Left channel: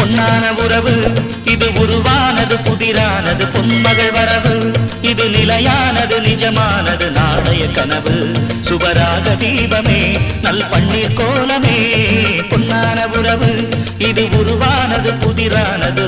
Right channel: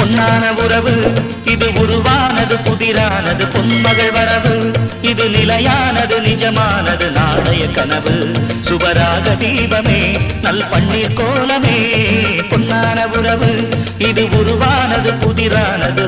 பொன்னான உறவு இது உருவானது புதிரானது பொன்மகள் வரவு இது நிலையானது நிஜமானது நாளைய கனவு சுபராக தீபமே நல் பன்னீர் கோலமே பொன்னான உறவு இது உருவானது புதிரானது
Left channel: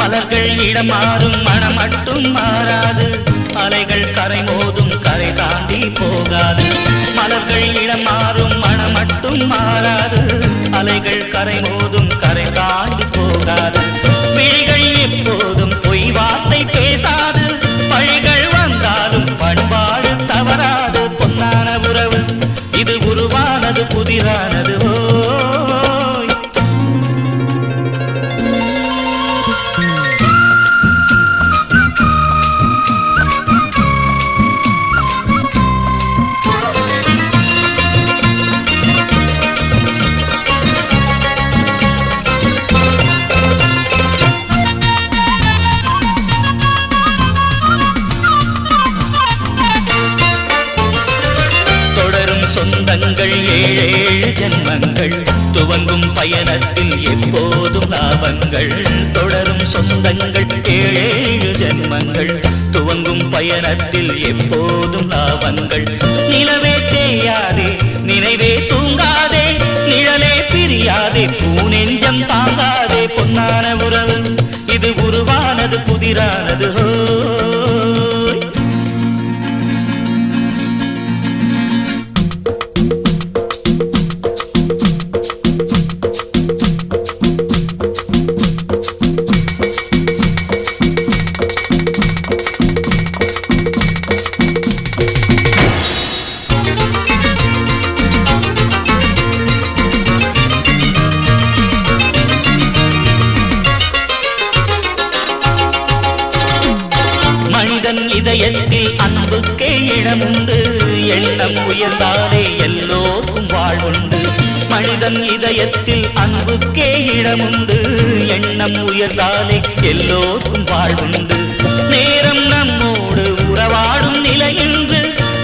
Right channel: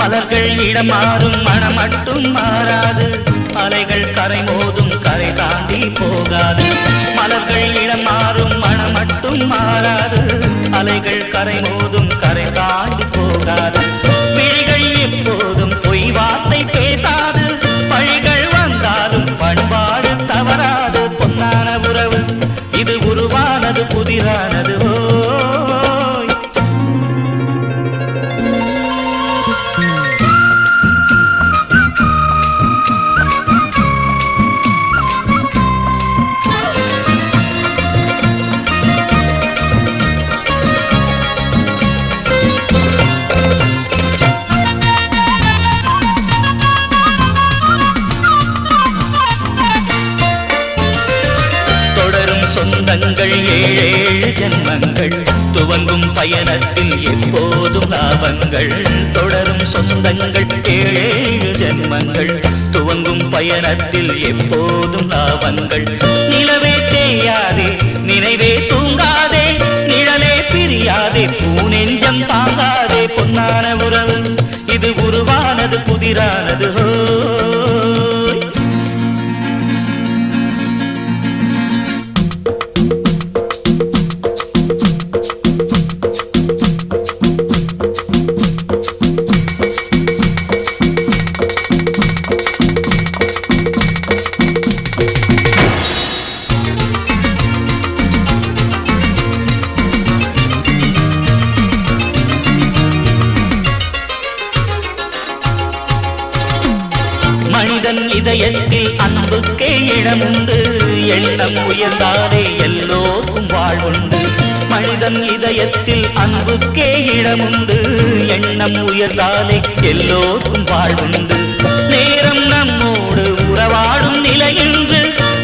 மலர்கள் இடம் மாறும் மனம் மட்டும் மாறாது அலைகள் கரை மோதும் கரை தாண்டி போகாது மலர்கள் இடம் மாறும் மனம் மட்டும் மாறாது அலைகள் கரை மோதும் கரை தாண்டி போகாது விழிகள் எப்போதும் பொய் வார்த்தை பேசாது பழிகள் வந்தாலும் பண்பாடு தவறாது பொன்னான உறவு இது உருவானது புதிரானது சொந்தங்கள் ஏழேழு ஜென்மங்கள் துவங்கும் பயணத்தில் எப்போதும் லாபங்கள் தொடரும் சொந்தங்கள் ஏழேழு ஜென்மங்கள் துவங்கும் பயணத்தில் எப்போதும் லாபங்கள் நிலவே தேயாதே நினைவே தூங்காதே நிழலே பிரியாதே பூநெஞ்சம் தாங்காதே பொன்னான உறவு இது உருவானது புதிரானது மனிதன் இதயத்தில் அன்புக்கே இடமுண்டு எண்ணம் உயர்ந்தாலே எல்லோருக்கும் வாழ்வுண்டு மனிதன் இதயத்தில் அன்புக்கே இடமுண்டு எண்ணம் உயர்ந்தாலே எல்லோருக்கும் வாழ்வுண்டு நேரம் நம்மோடு உறவாடும் நிலையென்று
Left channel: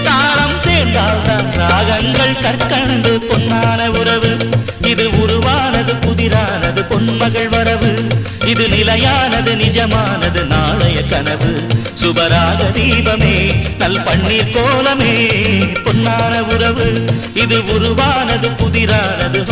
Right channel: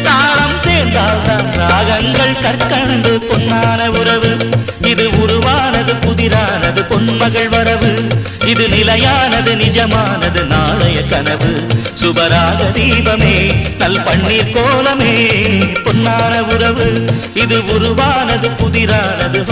தாளம் சேர்ந்தால்தான் ராகங்கள் கற்கண்டு பொன்னான உறவு இது உருவானது புதிரானது பொன்மகள் வரவு இது நிலையானது நிஜமானது நாளைய கனவு சுபராக தீபமே நல் பன்னீர் கோலமே பொன்னான உறவு இது உருவானது புதிரானது